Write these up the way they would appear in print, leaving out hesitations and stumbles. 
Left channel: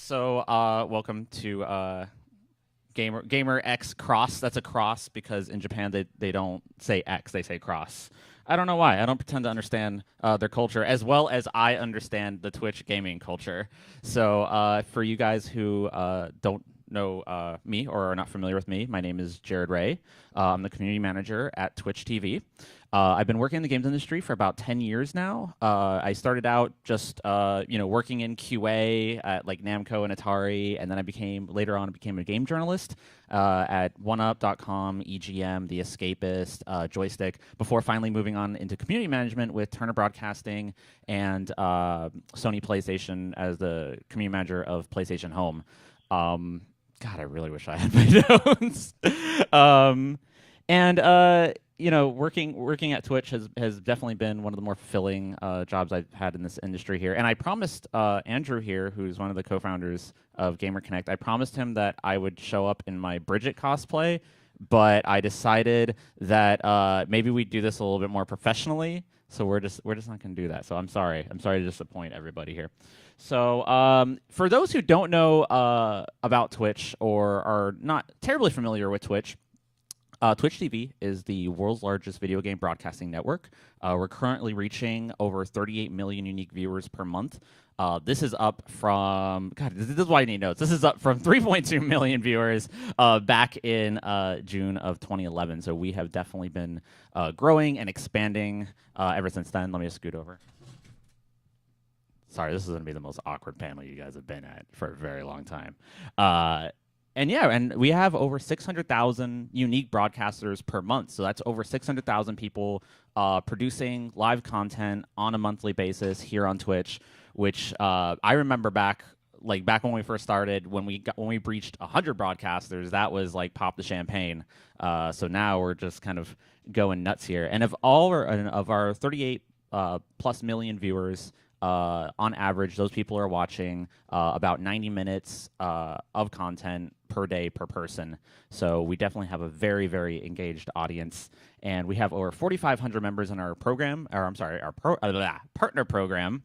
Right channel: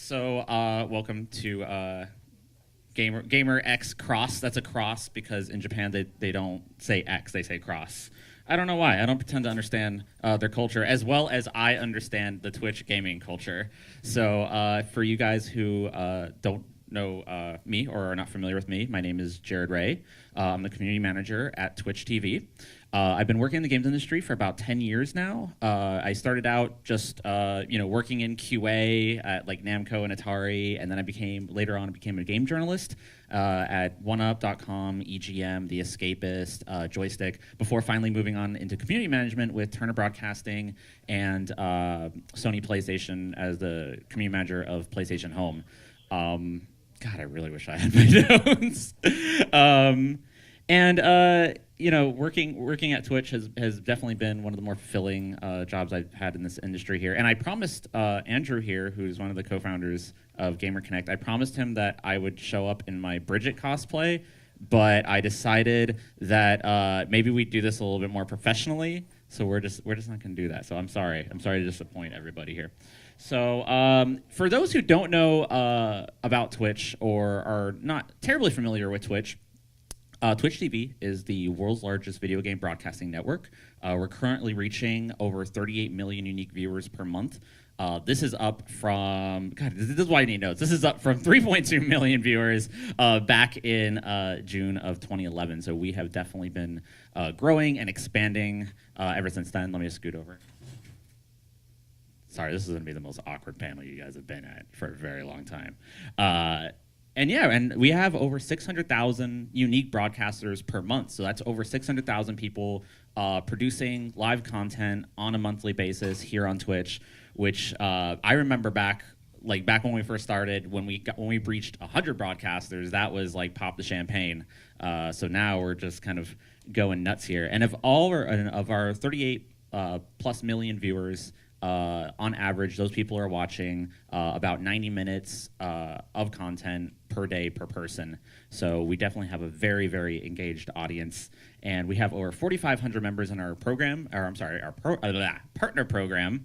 So, welcome to Gamer X Cross. That's a cross because in Japan they don't say X, they say cross. I don't know why. I don't pretend to understand their culture as well as I understand the Twitch gaming culture. So, for you guys who don't know me or are not familiar with me, my name is Jared Rea. I'm the community manager at Twitch TV. I've been working in the games industry for about 10 years now. I started out just working in QA at like Namco and Atari, and then later on became a game journalist at OneUp.com, EGM, The Escapist, Joystick, before finally moving on into community management with Turner Broadcasting and Sony PlayStation as the community manager of PlayStation Home. God, I really wish I had my notes. Working at Twitch has definitely been one of the more fulfilling jobs I've had in this industry here. And I promised Andrew here, who's one of the co-founders of Gamer Connect, I promised him that I would show up in my Bridget cosplay, but I decided that maybe we'd do this a little bit more professionally. So we're just not going to do that. So I'm sorry to disappoint everybody here. So for those who don't know about Twitch or are not terribly familiar with Twitch, Twitch TV is the world's largest video game broadcasting network. We're currently reaching over 38 million unique viewers per month. This is up from, God, this is why I need notes. This is up from 3.2 million viewers back in June of 2011. So we have definitely been growing and expanding ever since then. Let me just scoot over. Sorry, this is going to be the most awkward panel you guys have been at for a very long time. And we have over 600,000 unique broadcasters per month. So that's over 600,000 people producing live content on a monthly basis here on Twitch, which I remember back when we first started, when we breached 100 broadcasters, that was like pop the champagne. So now we're just kind of going nuts here. And of our 38 plus million viewers, on average, those people are watching about 90 minutes of content per day per person. So we definitely have a very, very engaged audience. And we have over 4,500 members in our program, our partner program,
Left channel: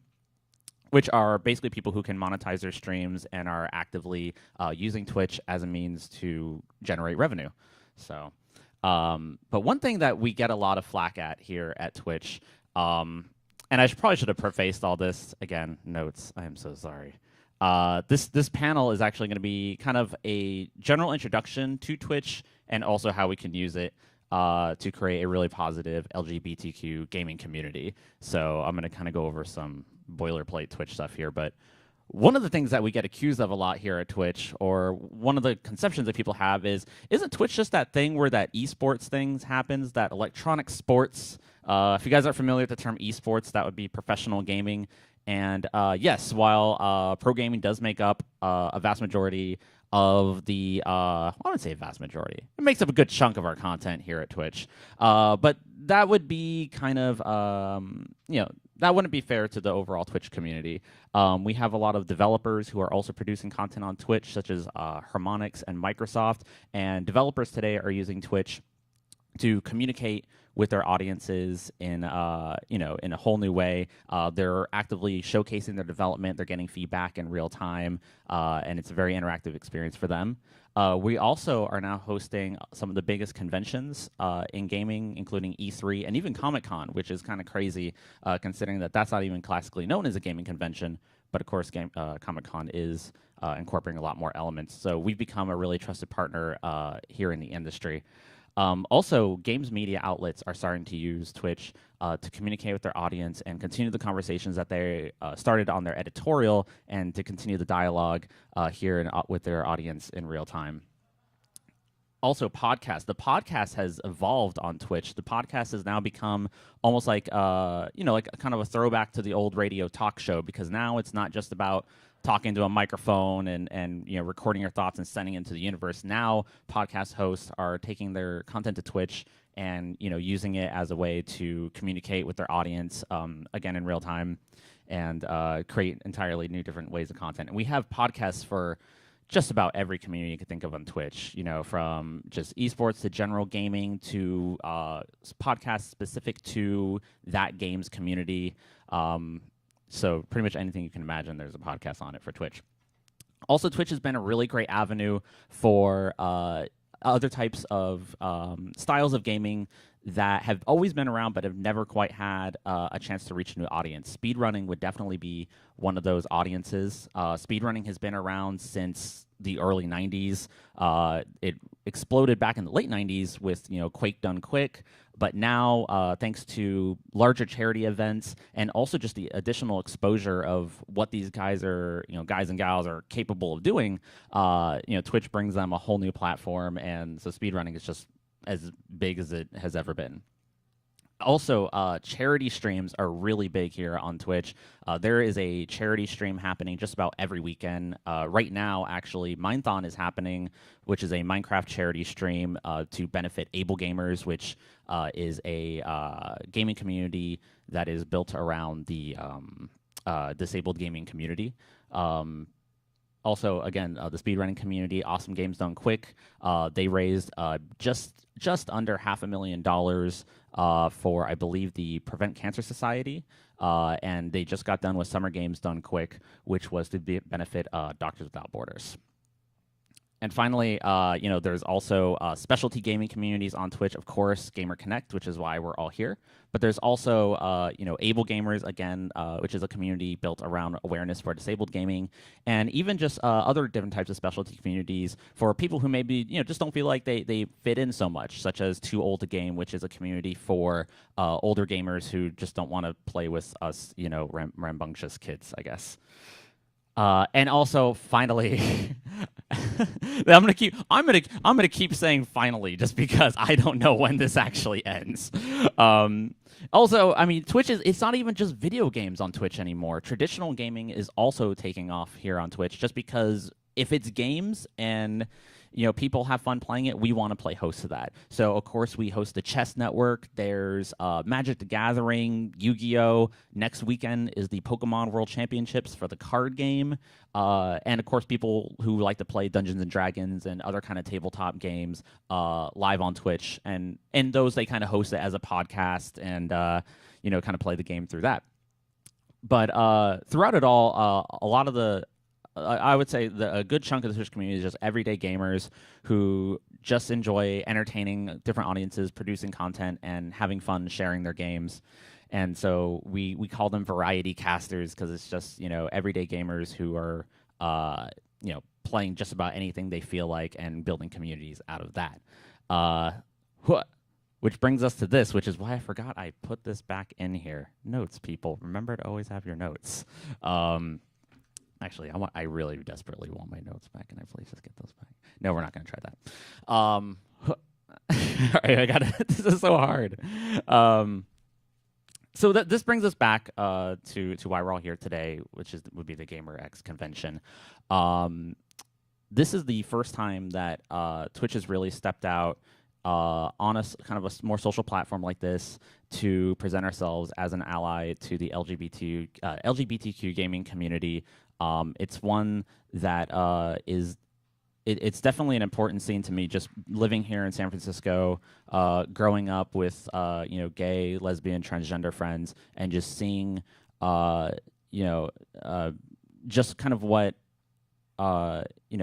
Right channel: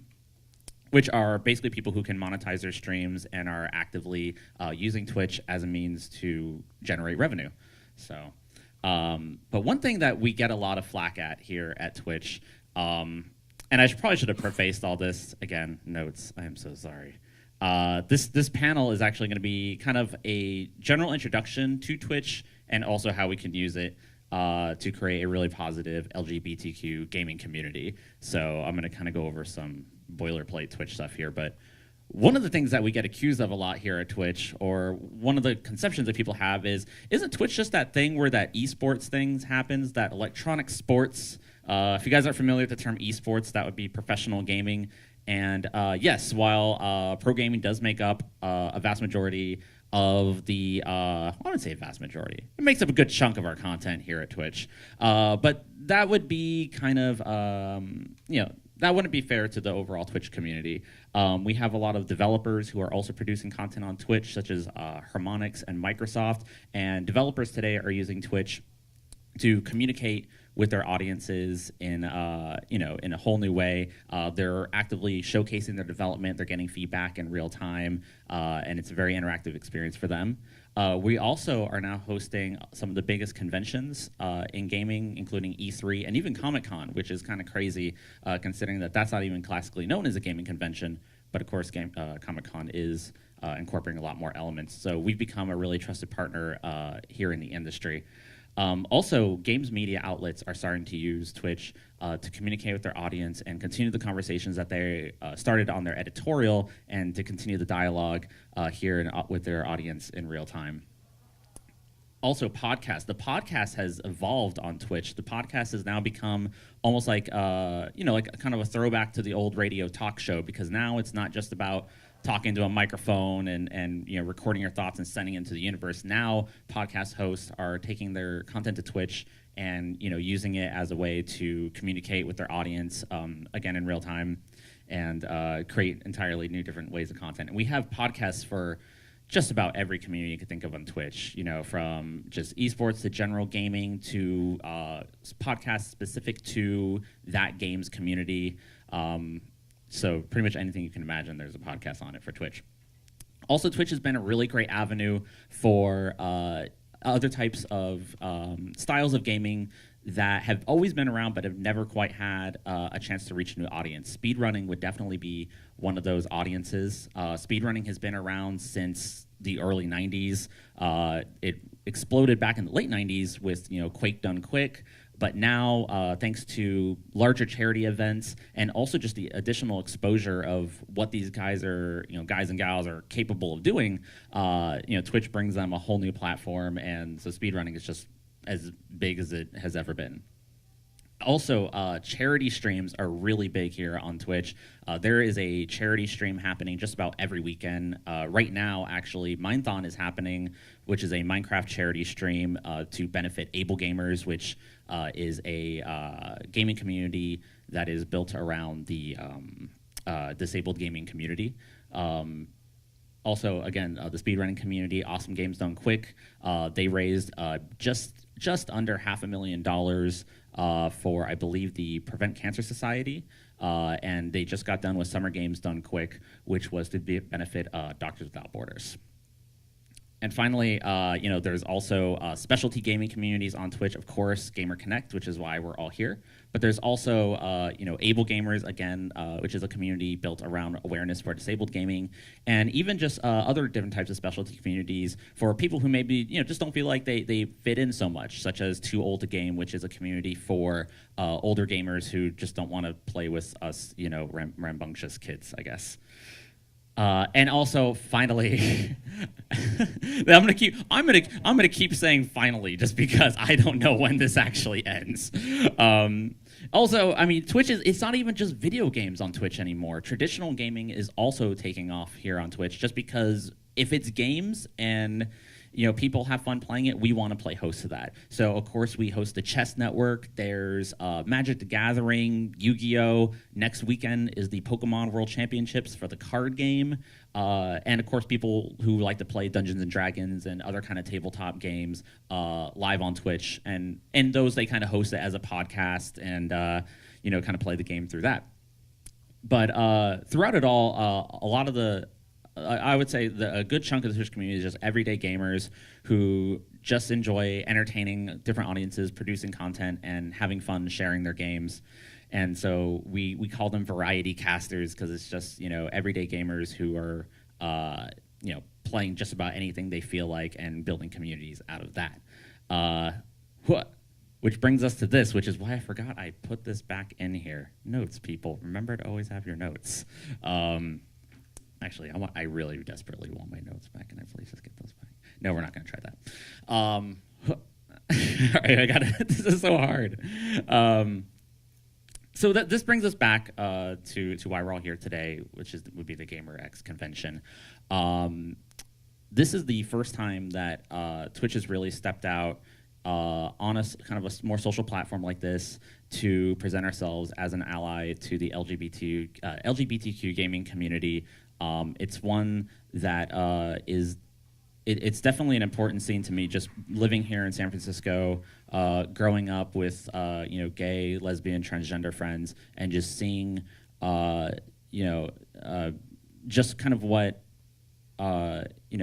which are basically people who can monetize their streams and are actively using Twitch as a means to generate revenue. So, but one thing that we get a lot of flack at here at Twitch, and I probably should have prefaced all this. Again, notes. I am so sorry. This panel is actually going to be kind of a general introduction to Twitch and also how we can use it to create a really positive LGBTQ gaming community. So I'm going to kind of go over some boilerplate Twitch stuff here. But one of the things that we get accused of a lot here at Twitch, or one of the conceptions that people have is, isn't Twitch just that thing where that esports things happens, that electronic sports? If you guys are familiar with the term esports, that would be professional gaming. And yes, while pro gaming does make up a vast majority of the, I wouldn't say vast majority, it makes up a good chunk of our content here at Twitch. But that would be kind of, that wouldn't be fair to the overall Twitch community. We have a lot of developers who are also producing content on Twitch, such as Harmonix and Microsoft. And developers today are using Twitch to communicate with their audiences in a whole new way. They're actively showcasing their development. They're getting feedback in real time, and it's a very interactive experience for them. We also are now hosting some of the biggest conventions in gaming, including E3 and even Comic-Con, which is kind of crazy considering that that's not even classically known as a gaming convention. But of course, Comic-Con is incorporating a lot more elements. So we've become a really trusted partner here in the industry. Also, games media outlets are starting to use Twitch to communicate with their audience and continue the conversations that they started on their editorial and to continue the dialogue here with their audience in real time. Also, podcasts. The podcast has evolved on Twitch. The podcast has now become almost like, like kind of a throwback to the old radio talk show, because now it's not just about talking to a microphone and recording your thoughts and sending it into the universe. Now podcast hosts are taking their content to Twitch and using it as a way to communicate with their audience again in real time and create entirely new different ways of content. And we have podcasts for just about every community you could think of on Twitch, from just esports to general gaming to podcasts specific to that game's community. So pretty much anything you can imagine, there's a podcast on it for Twitch. Also, Twitch has been a really great avenue for other types of styles of gaming that have always been around but have never quite had a chance to reach a new audience. Speedrunning would definitely be one of those audiences. Speedrunning has been around since the early 90s. It exploded back in the late 90s with Quake Done Quick. But now, thanks to larger charity events and also just the additional exposure of what these guys and gals are capable of doing, Twitch brings them a whole new platform, and so speedrunning is just as big as it has ever been. Also, charity streams are really big here on Twitch. There is a charity stream happening just about every weekend. Right now, actually, Minethon is happening, which is a Minecraft charity stream to benefit Able Gamers, which is a gaming community that is built around the disabled gaming community. Also, again, the speedrunning community, Awesome Games Done Quick, they raised just under $500,000 for, I believe, the Prevent Cancer Society, and they just got done with Summer Games Done Quick, which was to benefit Doctors Without Borders. And finally, there's also specialty gaming communities on Twitch, of course, Gamer Connect, which is why we're all here. But there's also, Able Gamers, again, which is a community built around awareness for disabled gaming, and even just other different types of specialty communities for people who maybe, just don't feel like they fit in so much, such as Too Old to Game, which is a community for older gamers who just don't want to play with us, rambunctious kids, I guess. And also, finally, I'm gonna keep saying finally, just because I don't know when this actually ends. Also, I mean, it's not even just video games on Twitch anymore. Traditional gaming is also taking off here on Twitch, just because if it's games and people have fun playing it, we want to play host to that. So, of course, we host the Chess Network. There's Magic the Gathering, Yu-Gi-Oh! Next weekend is the Pokemon World Championships for the card game. And, of course, people who like to play Dungeons & Dragons and other kind of tabletop games live on Twitch. And those, they kind of host it as a podcast and, kind of play the game through that. But throughout it all, a lot of I would say a good chunk of the Twitch community is just everyday gamers who just enjoy entertaining different audiences, producing content, and having fun sharing their games. And so we call them variety casters because it's just everyday gamers who are playing just about anything they feel like and building communities out of that. Which brings us to this, which is why I forgot I put this back in here. Notes, people. Remember to always have your notes. Actually, I really desperately want my notes back. Can I please just get those back? No, we're not going to try that. All right, this is so hard. So this brings us back to why we're all here today, which would be the GamerX convention. This is the first time that Twitch has really stepped out on a kind of a more social platform like this to present ourselves as an ally to the LGBTQ gaming community. It's one that it's definitely an important scene to me, just living here in San Francisco, growing up with gay, lesbian, transgender friends, and just seeing just kind of what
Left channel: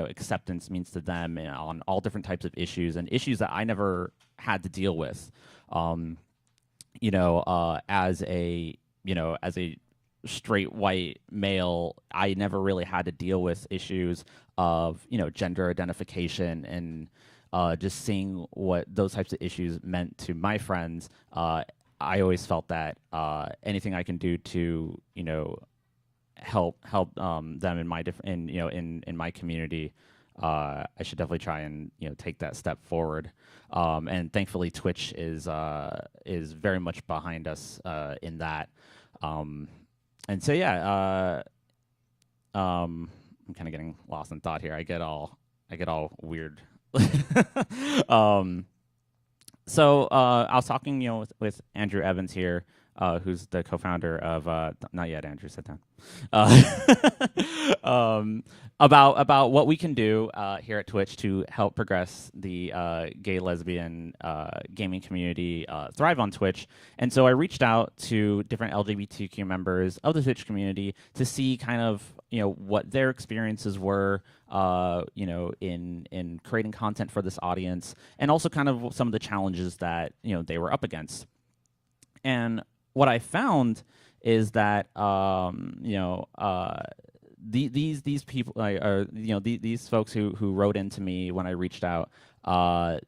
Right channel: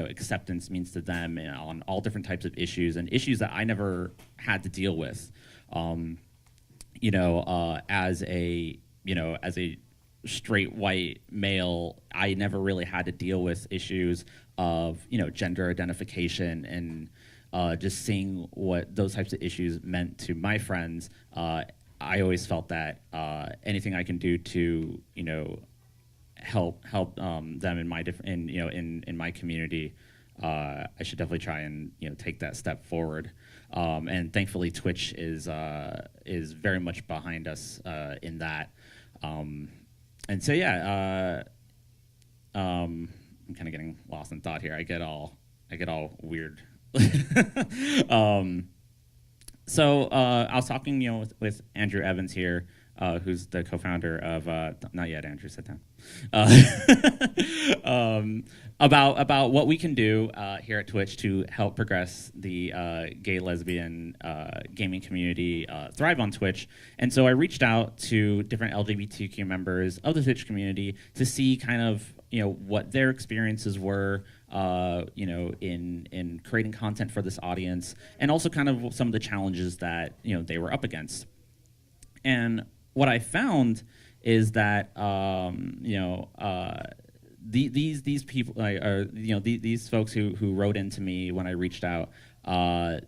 acceptance means to them on all different types of issues and issues that I never had to deal with. As a straight white male, I never really had to deal with issues of gender identification and just seeing what those types of issues meant to my friends. I always felt that anything I can do to help them in my in my community, I should definitely try and take that step forward. And thankfully, Twitch is very much behind us in that. And so yeah, I'm kind of getting lost in thought here. I get all weird. So I was talking with Andrew Evans here, who's the co-founder of not yet, Andrew, sit down. About what we can do here at Twitch to help progress the gay, lesbian gaming community thrive on Twitch. And so I reached out to different LGBTQ members of the Twitch community to see kind of what their experiences were, in creating content for this audience, and also kind of some of the challenges that they were up against. And what I found is that these people, these folks who wrote into me when I reached out,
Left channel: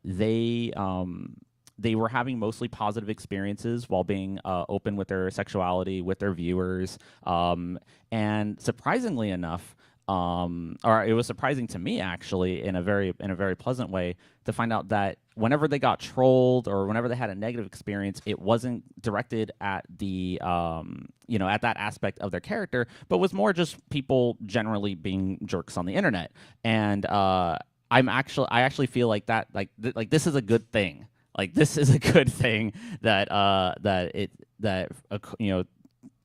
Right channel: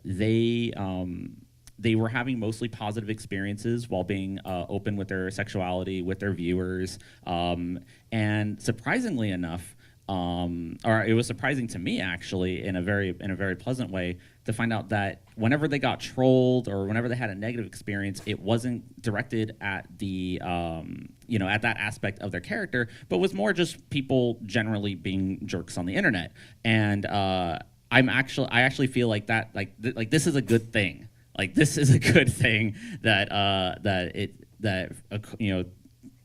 they were having mostly positive experiences while being open with their sexuality with their viewers, and surprisingly enough, or it was surprising to me actually in a very pleasant way to find out that whenever they got trolled or whenever they had a negative experience, it wasn't directed at the at that aspect of their character, but was more just people generally being jerks on the internet. And I actually feel like that like this is a good thing. Like this is a good thing that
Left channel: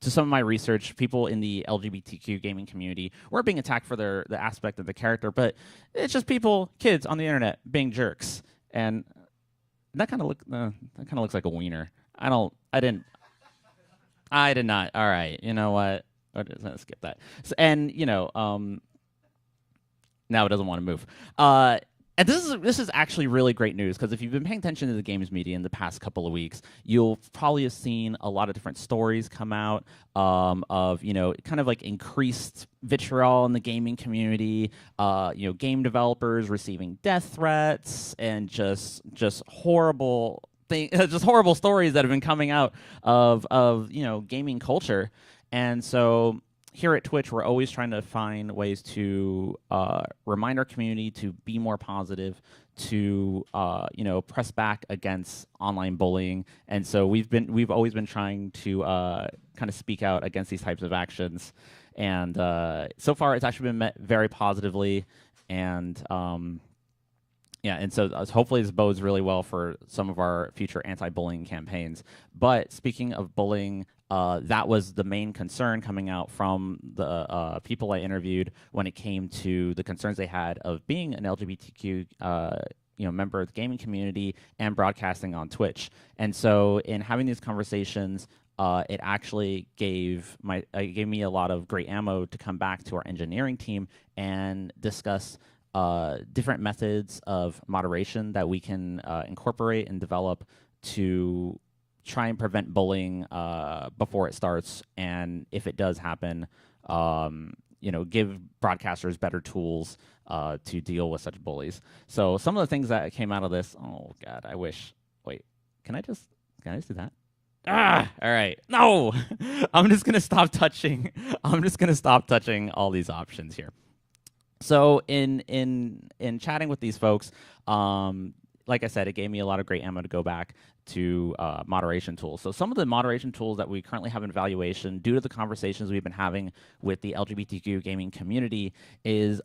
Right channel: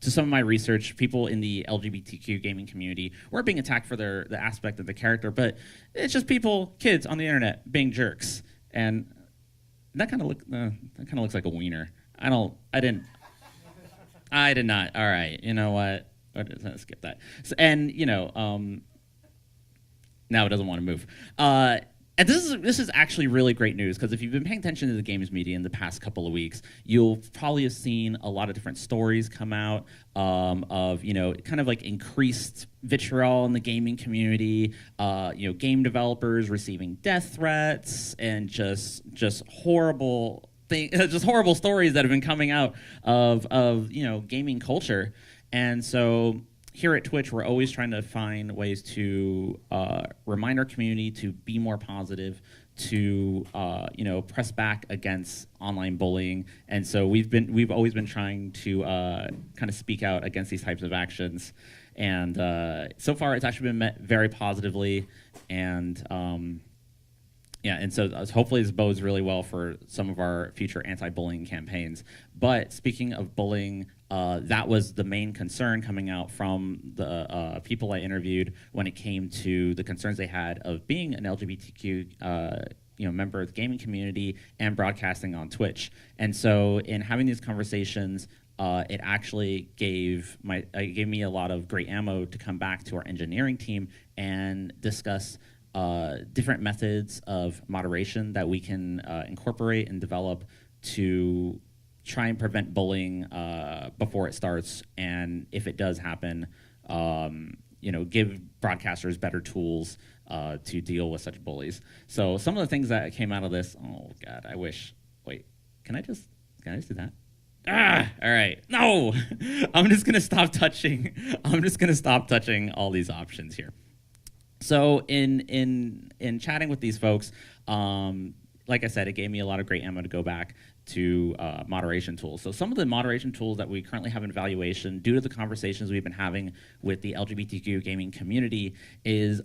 to some of my research, people in the LGBTQ gaming community were being attacked for the aspect of the character, but it's just kids on the internet being jerks, and that kind of looks like a wiener. I did not. All right, you know what? Let's skip that. So, and now it doesn't want to move. And this is actually really great news, because if you've been paying attention to the games media in the past couple of weeks, you'll probably have seen a lot of different stories come out of kind of like increased vitriol in the gaming community, game developers receiving death threats, and just horrible just horrible stories that have been coming out of gaming culture. And so here at Twitch, we're always trying to find ways to remind our community to be more positive, to press back against online bullying, and so we've always been trying to kind of speak out against these types of actions, and so far it's actually been met very positively, and and so hopefully this bodes really well for some of our future anti-bullying campaigns. But speaking of bullying, that was the main concern coming out from the people I interviewed when it came to the concerns they had of being an LGBTQ member of the gaming community and broadcasting on Twitch. And so in having these conversations, it actually gave me a lot of great ammo to come back to our engineering team and discuss different methods of moderation that we can incorporate and develop to try and prevent bullying before it starts, and if it does happen, give broadcasters better tools to deal with such bullies. So some of the things that came out of this, oh God, I wish, wait, can I just do that? All right, no, I'm just gonna stop touching all these options here. So in chatting with these folks, like I said, it gave me a lot of great ammo to go back to moderation tools. So some of the moderation tools that we currently have in evaluation, due to the conversations we've been having with the LGBTQ gaming community, is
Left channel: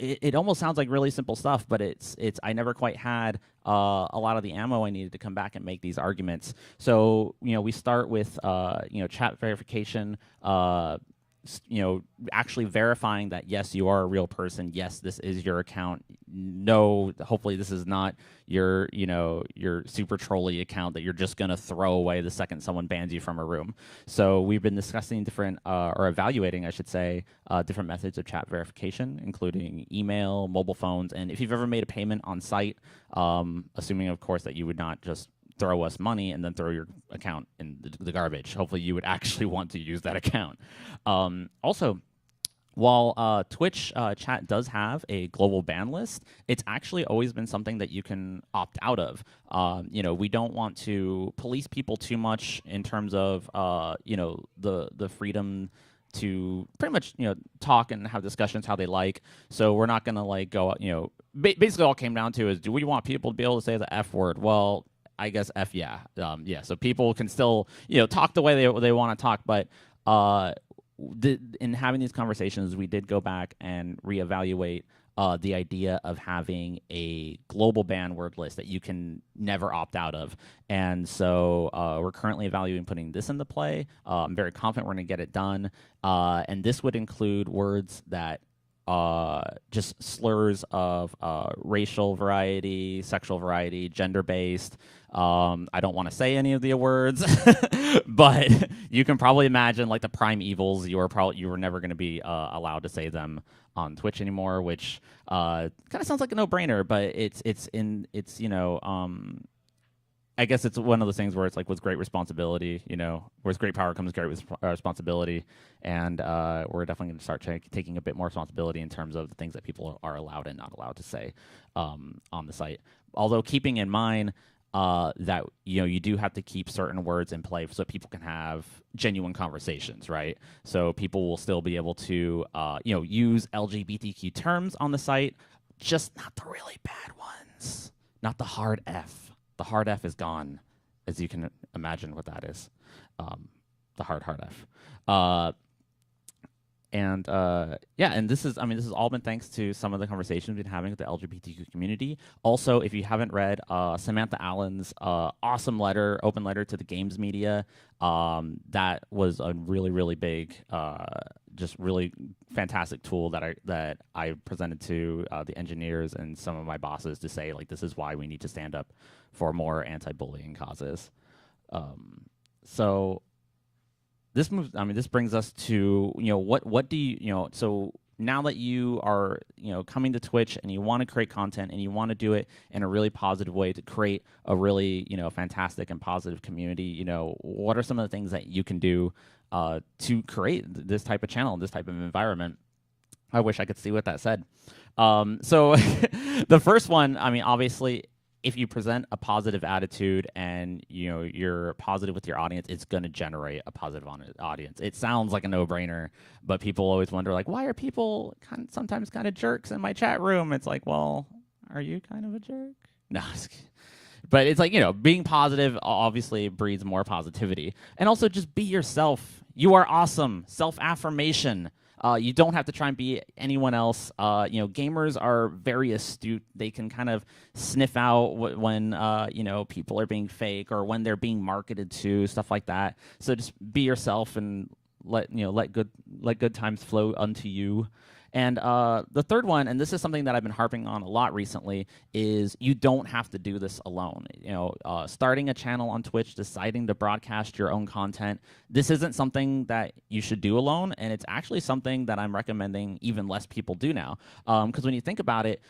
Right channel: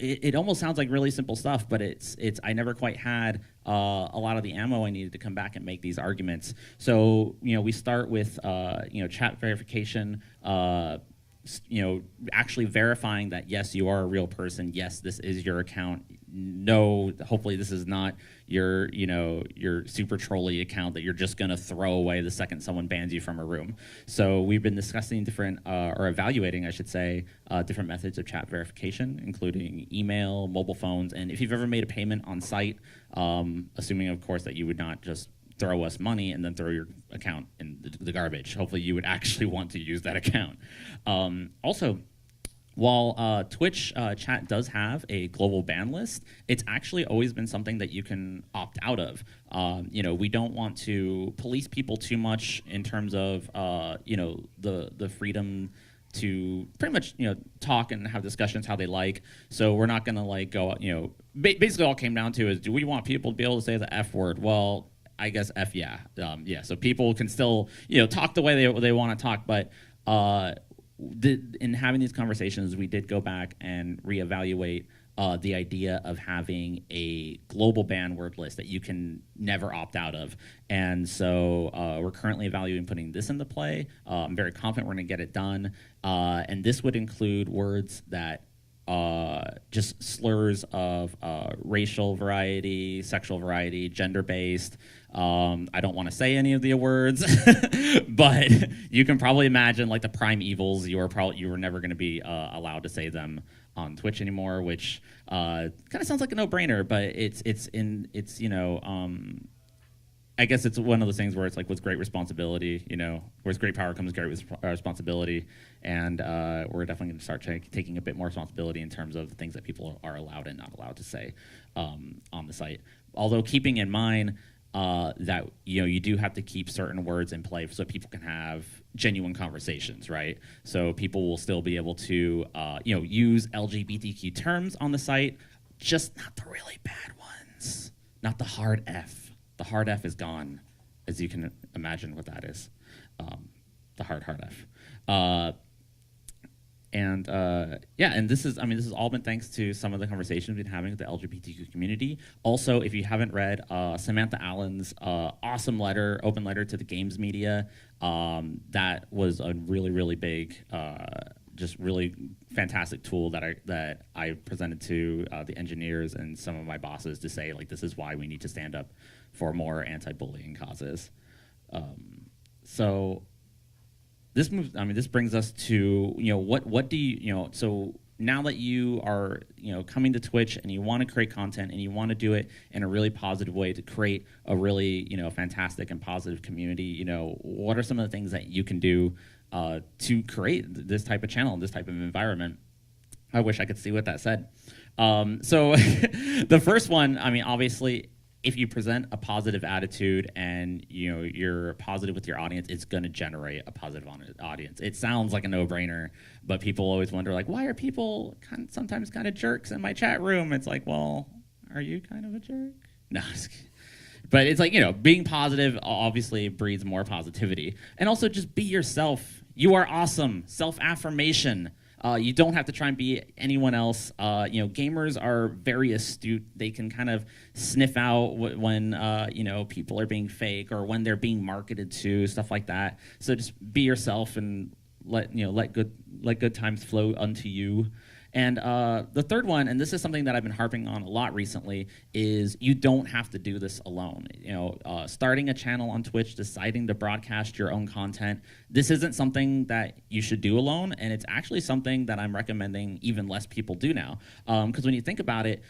it almost sounds like really simple stuff, but it's I never quite had a lot of the ammo I needed to come back and make these arguments. So we start with chat verification. Actually verifying that yes, you are a real person. Yes, this is your account. No, hopefully this is not your super trolly account that you're just gonna throw away the second someone bans you from a room. So we've been discussing different, or evaluating, I should say, different methods of chat verification, including email, mobile phones, and if you've ever made a payment on site, assuming of course that you would not just throw us money and then throw your account in the garbage. Hopefully you would actually want to use that account. Also, while Twitch chat does have a global ban list, it's actually always been something that you can opt out of. We don't want to police people too much in terms of the freedom to pretty much talk and have discussions how they like. So we're not gonna go basically all it came down to is, do we want people to be able to say the F word? Well, I guess F yeah. So people can still talk the way they want to talk, but in having these conversations, we did go back and reevaluate the idea of having a global ban word list that you can never opt out of. And so we're currently evaluating putting this into play. I'm very confident we're going to get it done. And this would include words that just slurs of racial variety, sexual variety, gender-based, I don't want to say any of the words, but you can probably imagine like the prime evils. You were never going to be allowed to say them on Twitch anymore, which kind of sounds like a no-brainer, but it's I guess it's one of those things where it's like with great responsibility, with great power comes great responsibility, and we're definitely going to start taking a bit more responsibility in terms of the things that people are allowed and not allowed to say on the site. Although keeping in mind that you do have to keep certain words in play so people can have genuine conversations, right? So people will still be able to use LGBTQ terms on the site, just not the really bad ones, not the hard F. The hard F is gone, as you can imagine what that is. The hard F. And this is all been thanks to some of the conversations we've been having with the LGBTQ community. Also, if you haven't read Samantha Allen's awesome open letter to the games media, that was a really, really big, just really fantastic tool that I presented to the engineers and some of my bosses to say, like, this is why we need to stand up for more anti-bullying causes. So this brings us to what do you so now that you are coming to Twitch and you want to create content and you want to do it in a really positive way to create a really fantastic and positive community, what are some of the things that you can do to create this type of channel, this type of environment? I wish I could see what that said. So the first one, obviously, if you present a positive attitude and you're positive with your audience, it's going to generate a positive audience. It sounds like a no-brainer, but people always wonder, like, why are people sometimes kind of jerks in my chat room? It's like, well, are you kind of a jerk? No. But it's like, being positive obviously breeds more positivity. And also just be yourself. You are awesome. Self-affirmation. You don't have to try and be anyone else. Gamers are very astute. They can kind of sniff out when people are being fake or when they're being marketed to, stuff like that. So just be yourself and let good times flow unto you. And the third one, and this is something that I've been harping on a lot recently, is you don't have to do this alone. Starting a channel on Twitch, deciding to broadcast your own content, this isn't something that you should do alone, and it's actually something that I'm recommending even less people do now. Because when you think about it,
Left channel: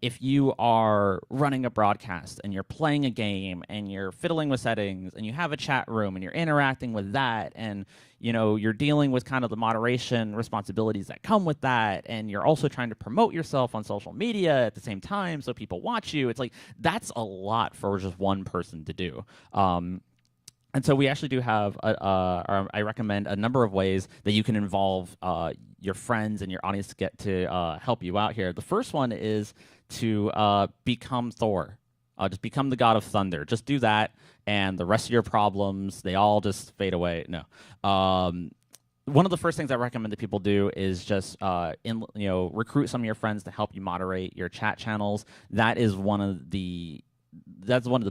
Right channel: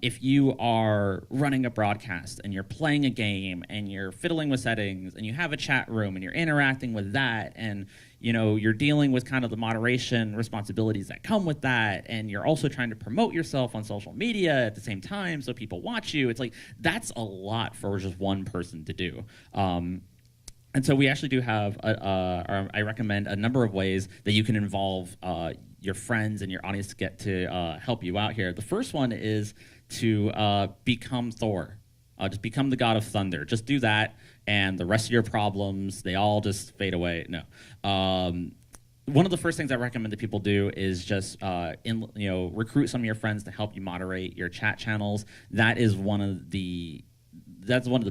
if you are running a broadcast and you're playing a game and you're fiddling with settings and you have a chat room and you're interacting with that and you're dealing with kind of the moderation responsibilities that come with that, and you're also trying to promote yourself on social media at the same time so people watch you. It's like, that's a lot for just one person to do. And so we actually do have, I recommend a number of ways that you can involve your friends and your audience to get to help you out here. The first one is to become Thor. Just become the god of thunder. Just do that, and the rest of your problems, they all just fade away. No. One of the first things I recommend that people do is just recruit some of your friends to help you moderate your chat channels. That's one of the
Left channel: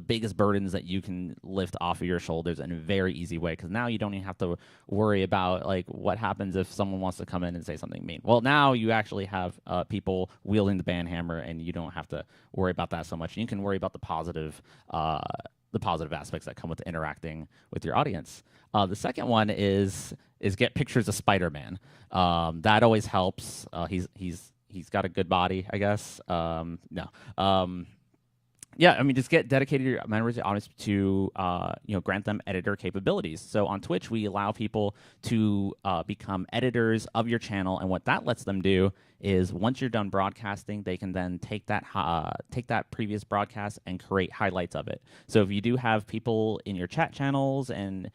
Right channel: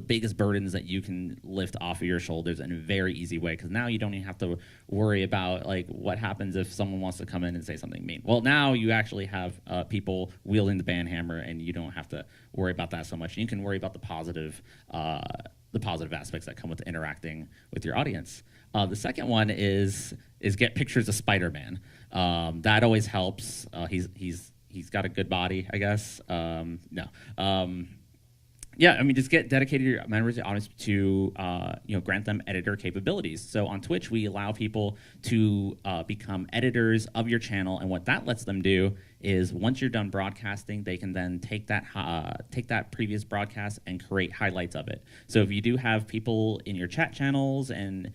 biggest burdens that you can lift off of your shoulders in a very easy way, because now you don't even have to worry about like what happens if someone wants to come in and say something mean. Well, now you actually have people wielding the band hammer, and you don't have to worry about that so much. You can worry about the positive aspects that come with interacting with your audience. The second one is get pictures of Spider-Man. That always helps. He's got a good body, I guess. Just get dedicated members of the audience to grant them editor capabilities. So on Twitch, we allow people to become editors of your channel, and what that lets them do is once you're done broadcasting, they can then take that previous broadcast and create highlights of it. So if you do have people in your chat channels and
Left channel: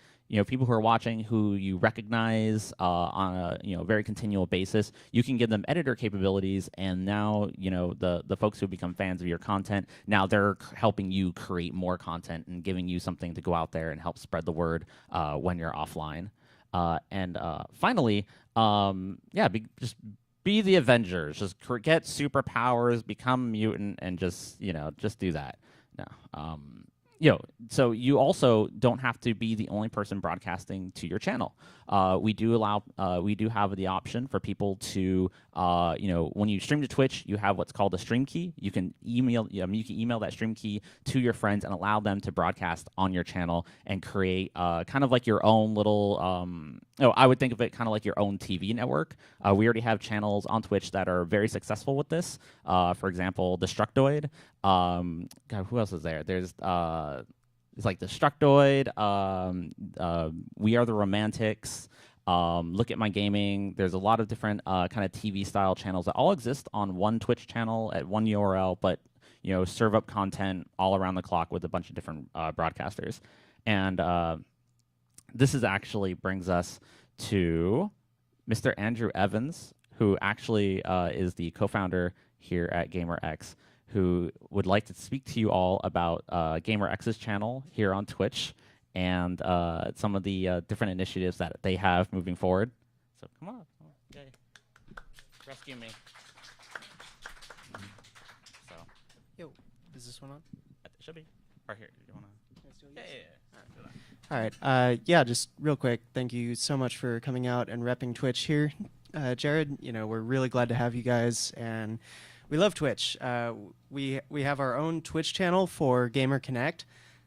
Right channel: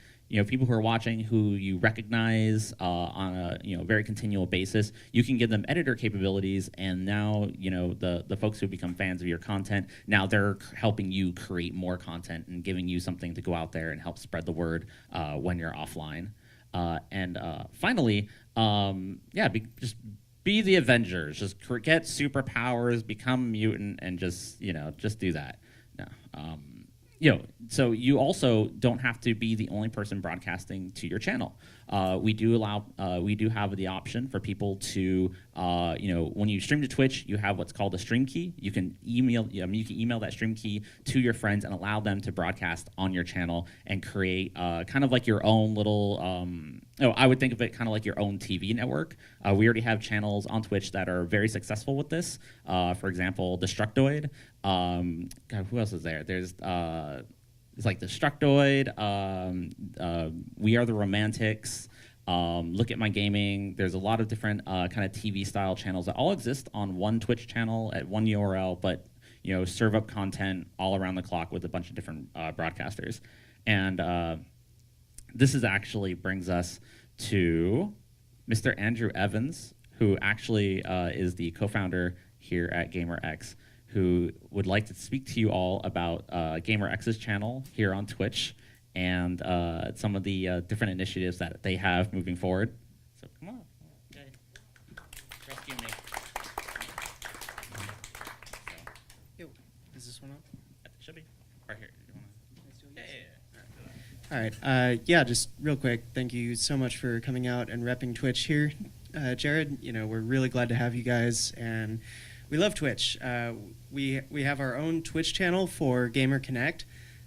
people who are watching who you recognize on a very continual basis, you can give them editor capabilities, and now the folks who become fans of your content, now they're helping you create more content and giving you something to go out there and help spread the word when you're offline. Finally, just be the Avengers. Just get superpowers, become mutant, and just do that. No. so you also don't have to be the only person broadcasting to your channel. We do have the option for people to, when you stream to Twitch, you have what's called a stream key. You can email that stream key to your friends and allow them to broadcast on your channel and create kind of like your own little. I would think of it kind of like your own TV network. We already have channels on Twitch that are very successful with this. For example, Destructoid. God, who else is there? There's it's like Destructoid. We Are the Romantics. Look at My Gaming. There's a lot of different kind of TV style channels that all exist on one Twitch channel at one URL, but serve up content all around the clock with a bunch of different broadcasters. And this actually brings us to Mr. Andrew Evans, who actually is the co-founder here at GamerX, who would like to speak to you all about GamerX's channel here on Twitch and some of the different initiatives that they have moving forward. So come on. Rescue me. Yo, is this one on? It should be. Right here. You wanna... All right. Yeah, just real quick, thank you so much for coming out and repping Twitch here. Jared, we're really glad to have you guys, and we love Twitch. We have our own Twitch channel for Gamer Connect.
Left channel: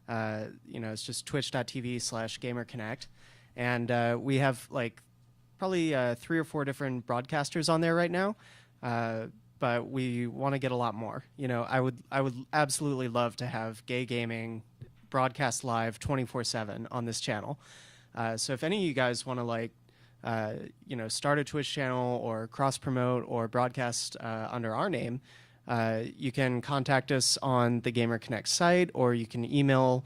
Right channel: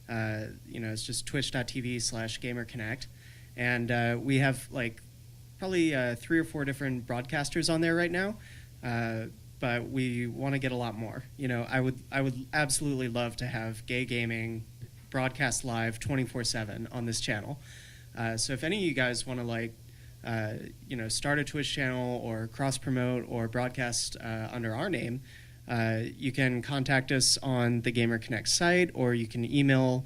It's just twitch.tv/Gamer Connect. And we have probably 3 or 4 different broadcasters on there right now. But we want to get a lot more. I would absolutely love to have gay gaming broadcast live 24/7 on this channel. So if any of you guys want to start a Twitch channel or cross promote or broadcast under our name, you can contact us on the Gamer Connect site, or you can email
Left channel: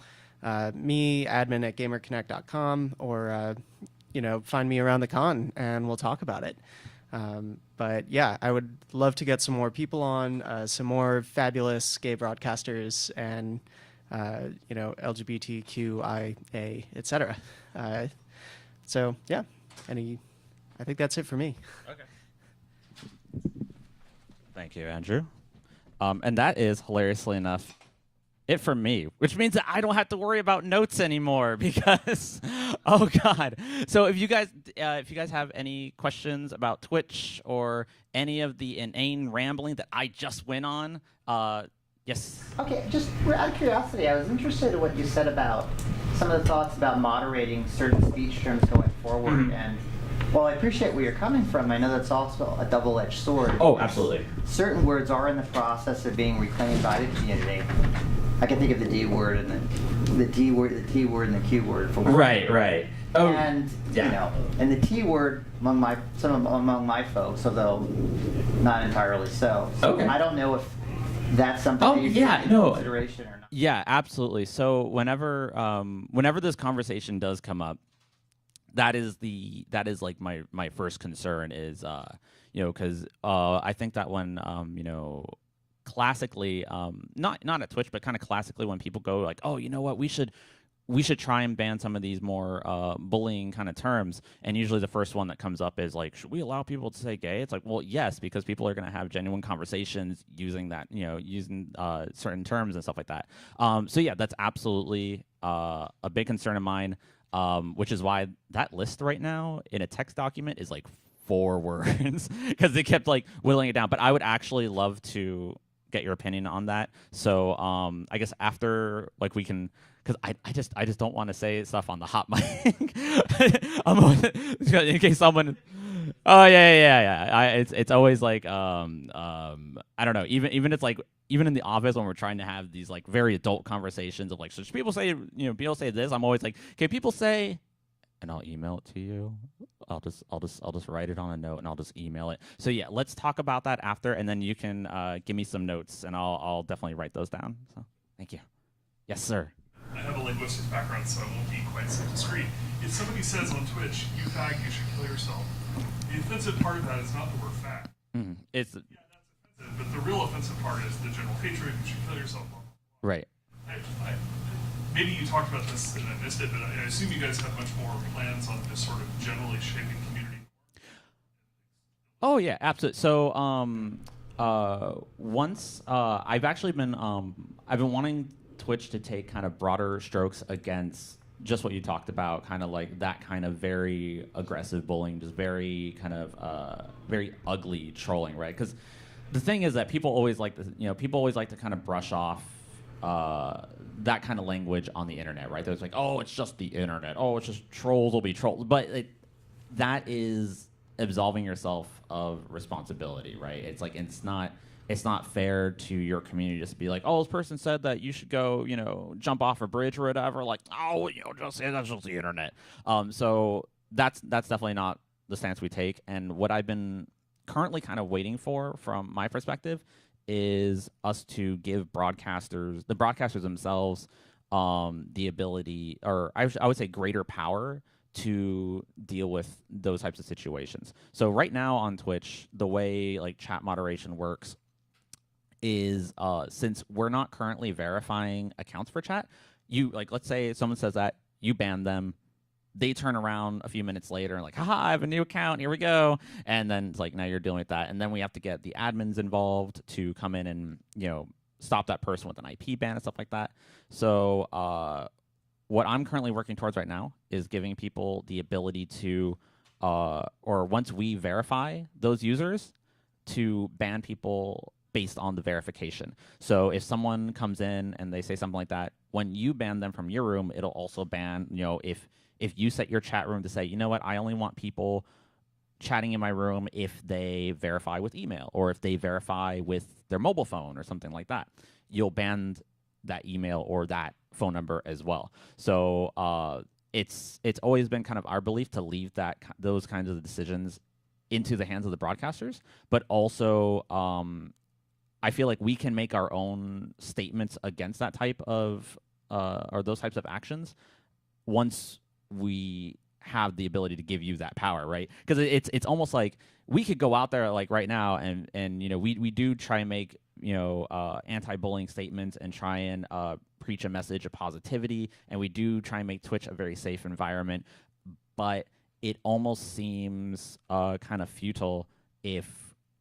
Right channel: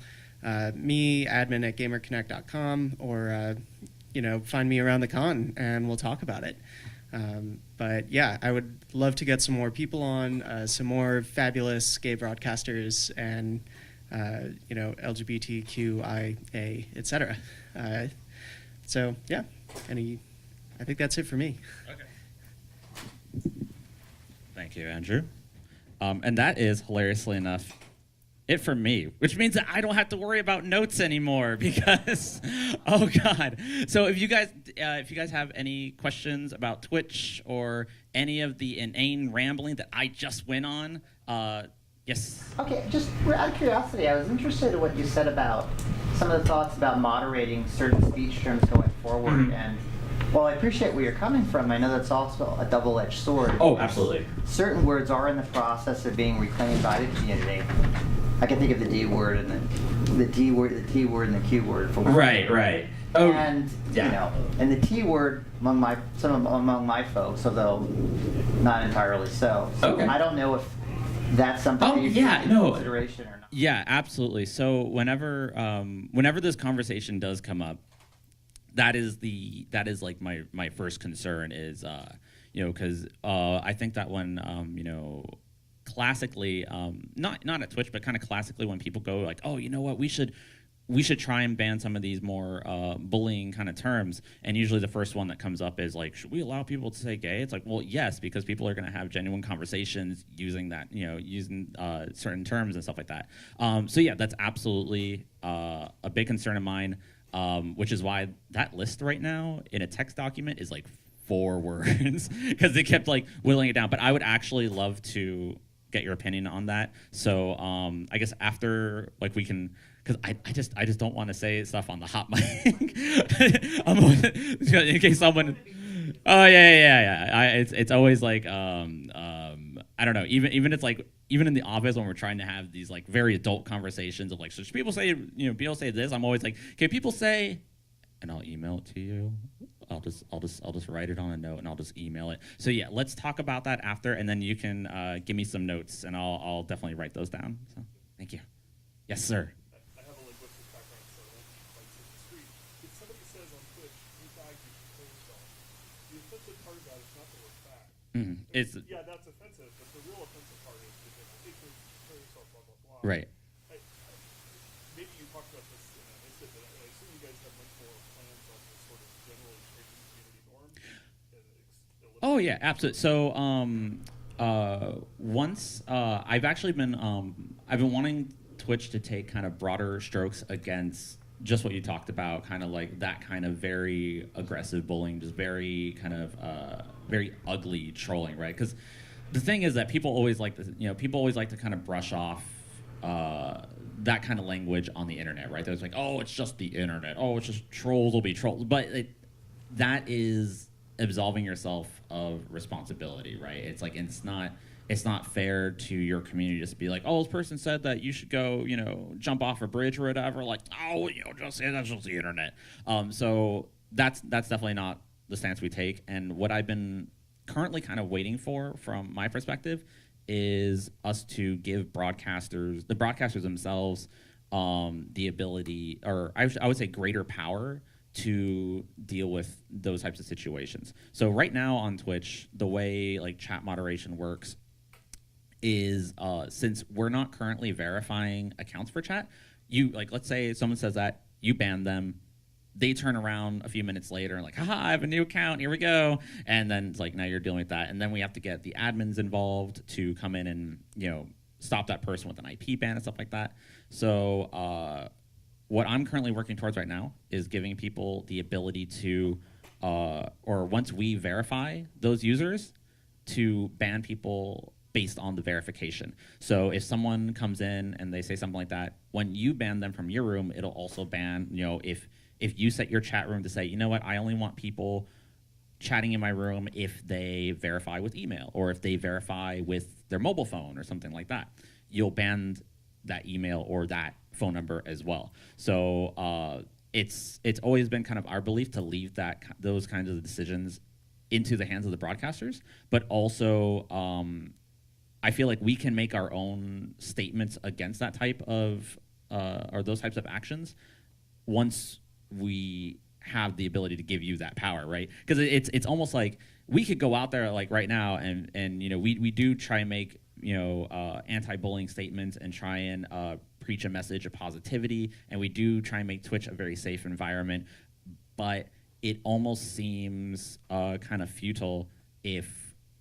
me, admin@gamerconnect.com, or find me around the con and we'll talk about it. But yeah, I would love to get some more people on, some more fabulous gay broadcasters, and LGBTQIA, etc. So yeah, I think that's it for me. Okay. Thank you, Andrew. And that is, hilariously enough, it for me, which means that I don't have to worry about notes anymore because, oh God. So if you guys have any questions about Twitch or any of the inane rambling that I just went on, yes. Okay, just out of curiosity, I was interested in what you said about some of the thoughts about moderating certain speech terms going forward. Mm-hmm. And while I appreciate where you're coming from, I know that's also a double-edged sword. Oh, absolutely. Certain words are in the process of being reclaimed by the community. I can think of the D word and the T word and the Q word for one. Right. Oh, and yeah. And the T word among my folks, although not entirely so. Okay. I don't know if that's something that you should take into consideration or not. Yeah, absolutely. So whenever this conversation does come up, that is like my first concern is because I think that when classically not at Twitch, but kind of classically when people go like, oh, you know what, we should try and ban some of these more bullying kind of terms, and usually the first one that comes up is like, should we allow people to say gay? It's like, well, yes, because people are going to have genuine conversations using that, using certain terms and stuff like that. So yeah, that's absolutely a big concern of mine, which is why that list right now in a text document is like 4 words because they kept like whittling it down. But I would actually love to get your opinion on that. So I guess after we can. Because I just don't want to say stuff on the hot mic in case someone. Oh yeah. It's always like I don't know. Even it's like even in the office when we're trying to have these like very adult conversations of like, so should people say people say this? I'm always like, can people say, and I'll email it to you. I'll just write it on a note and I'll just email it. So yeah, let's talk about that after, and then you can give me some notes and I'll definitely write those down. So thank you. Yes, sir. I have a linguistics background, so I won't be quite so discreet. If somebody says on Twitch, "You fag, you should kill yourself," the offensive part of that is not the word fag. Mm-hmm. It's yeah, that's offensive, but the real offensive part is the general hatred. You should kill yourself. Blah blah blah. Right. Maybe you talked about this and I missed it, but I assume you guys have much more plans on this sort of generally shaping community norms. Oh yeah, absolutely. So once I've actually been I've been wanting Twitch to take kind of broader strokes against just what you talked about, kind of like that kind of very aggressive bullying, just very kind of very ugly trolling, right? Because the thing is that people always like to kind of brush off that kind of language on the internet, right? There's like, oh, it's just the internet. Oh, it's just trolls will be trolls. But that is absolving yourself of responsibility, right? It's like it's not fair to your community just to be like, oh, this person said that you should go, jump off a bridge or whatever. Like, oh, just say that's just the internet. So that's definitely not the stance we take. And what I've been currently kind of waiting for, from my perspective, is us to give the broadcasters themselves, the ability, or I would say greater power to deal with those types of situations. So right now on Twitch, the way like chat moderation works is since we're not currently verifying accounts for chat, let's say someone says that, you ban them, they turn around a few minutes later and like, haha, I have a new account, here we go. And then it's like, now you're dealing with that. And then we have to get the admins involved to come in and, stop that person with an IP ban and stuff like that. So what I'm currently working towards right now is giving people the ability to, or once we verify those users, to ban people based on the verification. So if someone comes in and they say something like that, when you ban them from your room, it'll also ban, if you set your chat room to say, you know what, I only want people chatting in my room if they verify with email or if they verify with their mobile phone or something like that, you'll ban that email or that phone number as well. So it's always been kind of our belief to leave those kinds of decisions into the hands of the broadcasters, but also I feel like we can make our own statements against that type of or those types of actions once we have the ability to give you that power, right? Because it's almost like we could go out there like right now and we do try and make anti-bullying statements and try and preach a message of positivity, and we do try and make Twitch a very safe environment, but it almost seems kind of futile if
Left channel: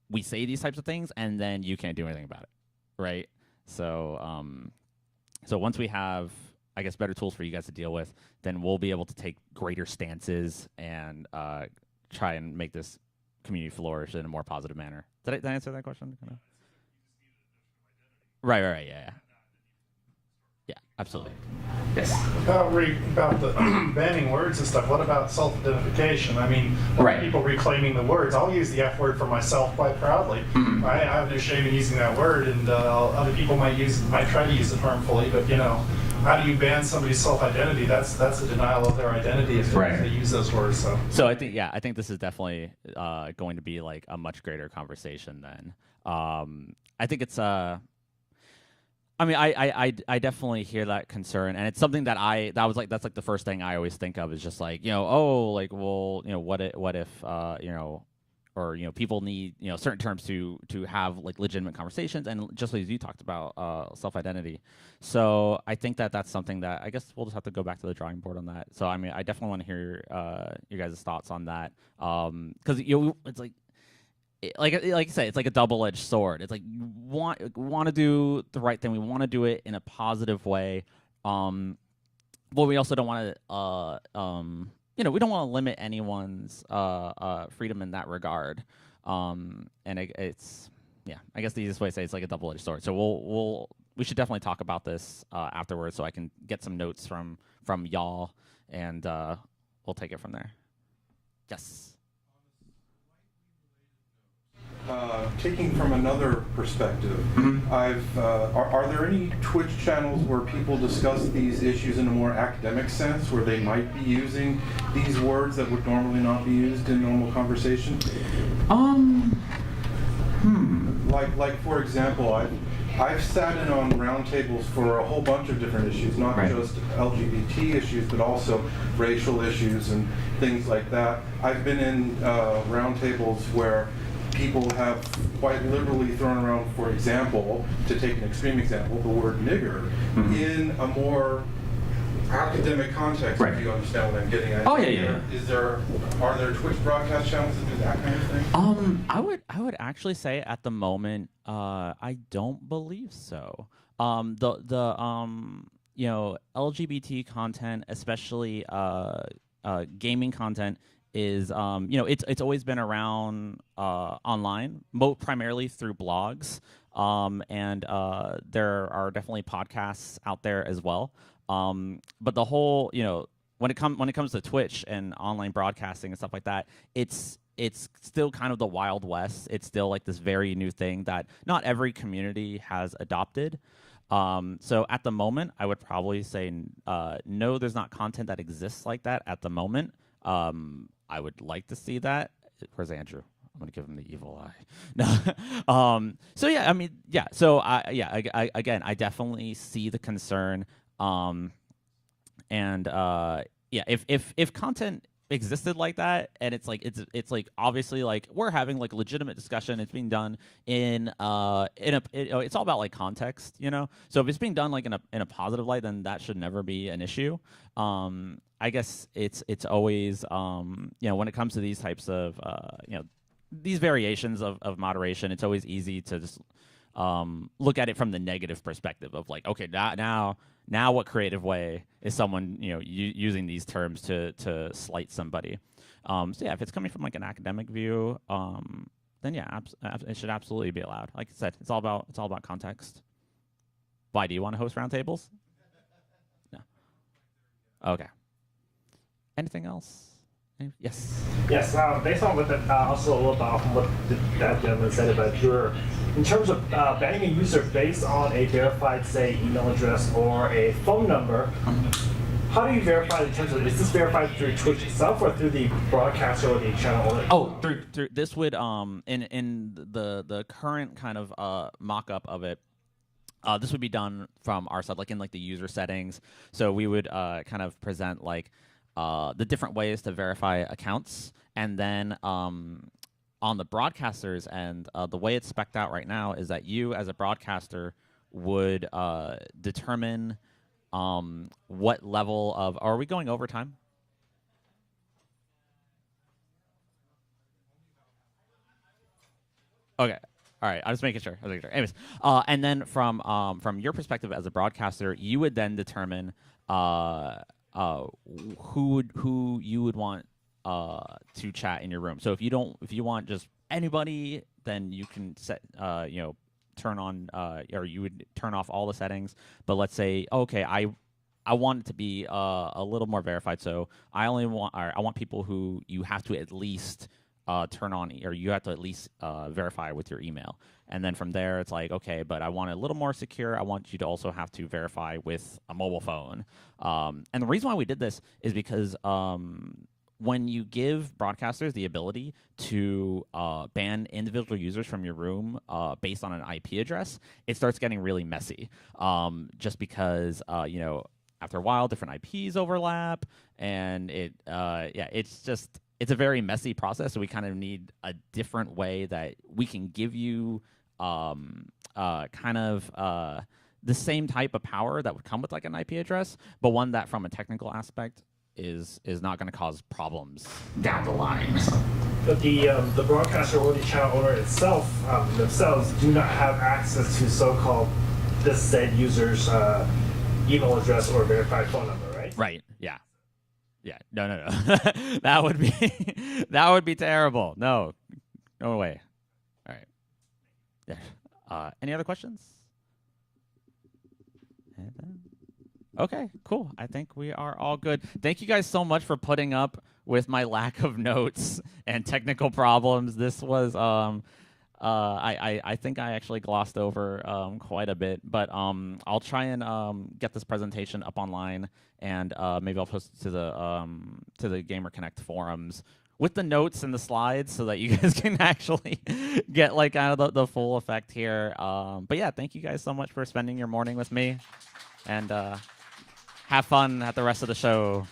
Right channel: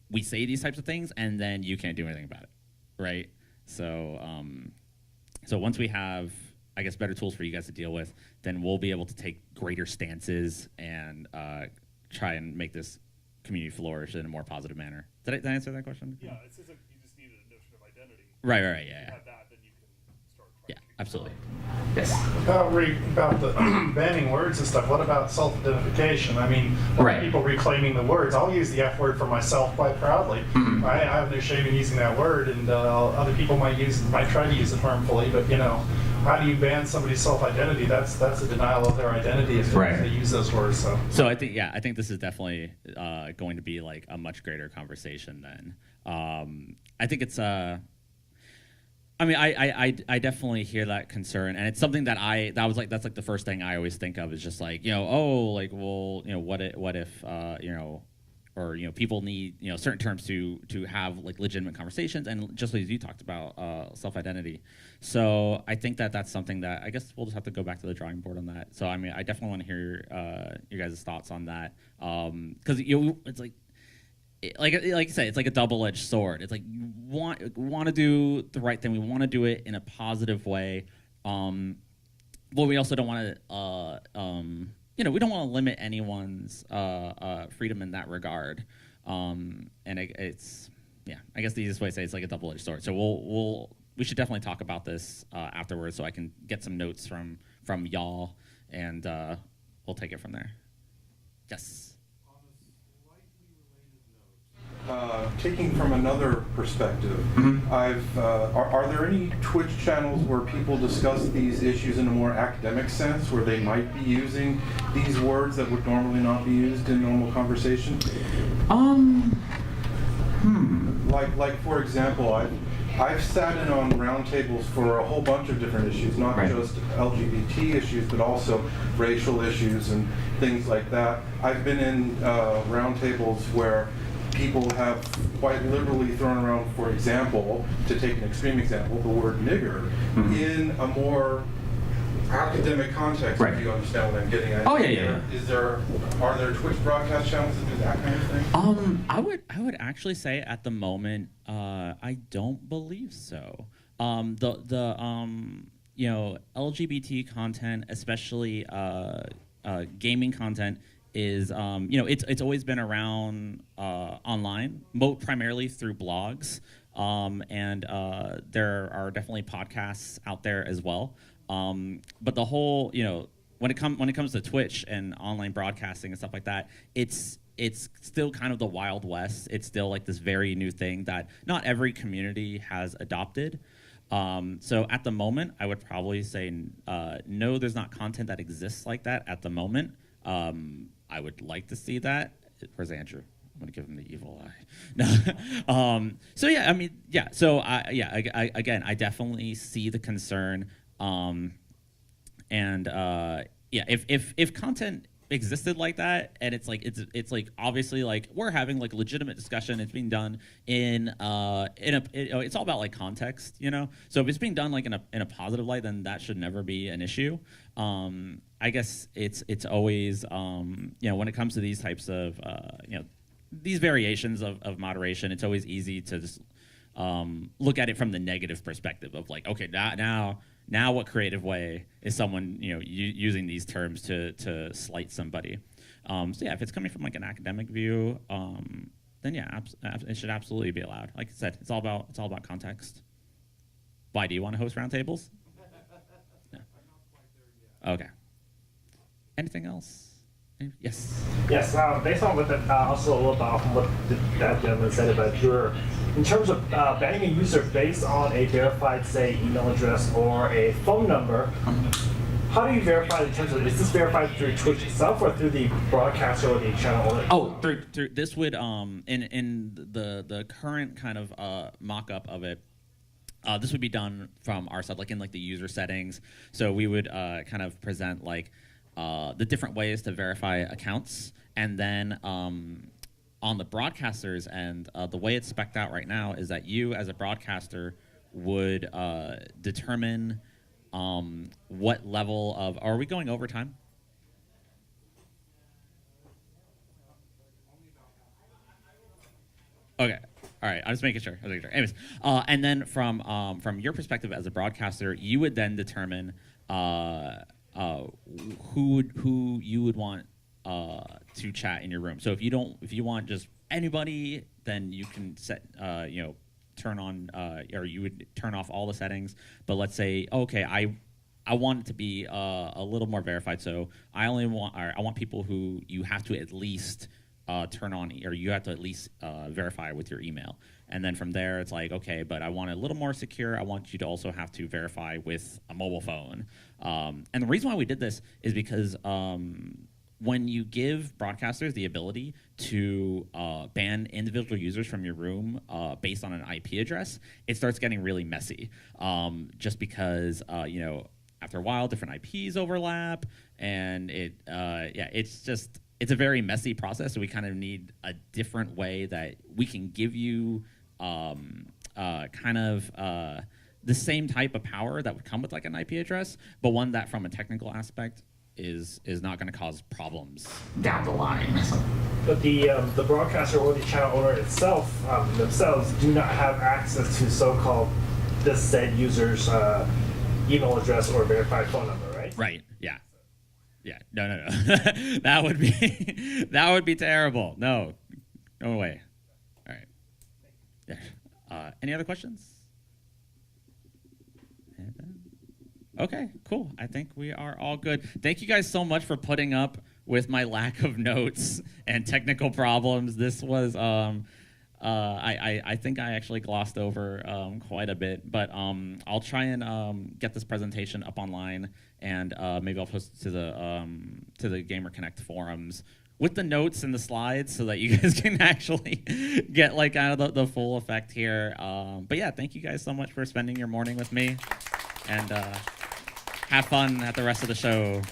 we say these types of things and then you can't do anything about it, right? So so once we have, I guess, better tools for you guys to deal with, then we'll be able to take greater stances and try and make this community flourish in a more positive manner. Did I answer that question? Yeah, it seems like you just needed a notion of identity. Right, yeah. Had that, then you can start trying Yeah, to absolutely. Yes. About the banning words and stuff, what about self-identification? I mean, Right. people reclaiming the words. I'll use the F word for myself quite proudly. Mhm. I have no shame in using that word, and other people might try to use it harmfully, but how do you ban somebody's self-identity? That's a denial of their identity if they use those words. So I think this is definitely going to be like a much greater conversation then. I think it's I definitely hear that concern, and it's something that that's like the first thing I always think of is just like, what if or people need certain terms to have like legitimate conversations, and just as you talked about self-identity. So I think that's something that I guess we'll just have to go back to the drawing board on that. So I mean, I definitely want to hear your guys' thoughts on that, because it's like I said, it's like a double-edged sword. It's like you want to do the right thing. We want to do it in a positive way, but we also don't want to we don't want to limit anyone's freedom in that regard. And it's I guess the easiest way to say it's like a double-edged sword. So we should definitely talk about this afterwards, so I can get some notes from y'all, and we'll take it from there. Yes. Taking from another perspective, are there any Twitch channels where people discuss these issues in a more academic sense, where they might be using these words that would normally not be used in normal conversation? Like for example, I've sat in on roundtables for a whole bunch of different issues, not just LGBT issues, but also racial issues and things like that. I've been in roundtables where people have quite liberally thrown around, for example, to take an extreme example, the word nigger in a more academic context, if you understand what I'm getting at. Oh, yeah. Are there Twitch broadcast channels that do that kind of thing? I would actually say at the moment, I don't believe so. You know, LGBT content, especially gaming content, is you know, it's always been around online, primarily through blogs, and there are definitely podcasts out there as well. But the whole, you know, when it comes to Twitch and online broadcasting and stuff like that, it's still kind of the Wild West. It's still like this very new thing that not every community has adopted. So at the moment, I would probably say no, there's not content that exists like that at the moment. I would like to see that. Where's Andrew? I'm gonna give him the evil eye. No. So yeah, I mean, yeah. So I again, I definitely see the concern. And yeah, if content existed like that, and it's like obviously like we're having like legitimate discussion, it's being done in it's all about like context, you know. So if it's being done like in a positive light, then that should never be an issue. I guess it's always you know, when it comes to these types of you know, these variations of moderation, it's always easy to just look at it from the negative perspective of like, okay, now what creative way is someone, you know, using these terms to slight somebody? So yeah, if it's coming from like an academic view, then yeah, it should absolutely be allowed. Like I said, it's all about context. Why do you want to host roundtables? No. Okay. Anything else? Yes. Yes. Based on what also a little bit off what that gentleman said about in terms of banning a user based on a verified, say, email address or a phone number. How do you verify in terms of, is this verified through Twitch itself or through the broadcaster or the channel owner? Oh, through this would in the current kind of mock-up of it. This would be done from our side, like in like the user settings. So we would kind of present like the different ways to verify accounts, and then on the broadcasters end, the way it's spec'd out right now is that you, as a broadcaster, would determine what level of. Are we going overtime? Okay. All right. I'm just making sure. Anyways, and then from your perspective as a broadcaster, you would then determine who you would want to chat in your room. So if you want just anybody, then you can set you know, turn on or you would turn off all the settings. But let's say, okay, I want it to be a little more verified. So I want people who you have to at least turn on, or you have to at least verify with your email. And then from there, it's like, okay, but I want it a little more secure. I want you to also have to verify with a mobile phone. And the reason why we did this is because when you give broadcasters the ability to ban individual users from your room based on an IP address, it starts getting really messy. Just because, you know, after a while, different IPs overlap, and it's a very messy process. So we kind of need a different way that we can give you kind of the same type of power that would come with like an IP address, but one that from a technical aspect is not going to cause problems down the line. But the broadcaster or the channel owner itself themselves do not have access to so-called the said user's email address or verified phone number, right? Right. Yeah. Yeah. No. that would be terrible. No way. All right. Yeah. Any other questions? Okay, cool. I think we are all good. Thank you guys so much for putting up with my lack of notes and technical problems. This was, I think I actually glossed over quite a bit, but I'll try and get this presentation up online, and maybe I'll post it to the Gamer Connect forums with the notes and the slides, so that you guys can actually get like out of the full effect here. But yeah, thank you guys so much for spending your morning with me, and have fun at the rest of the show.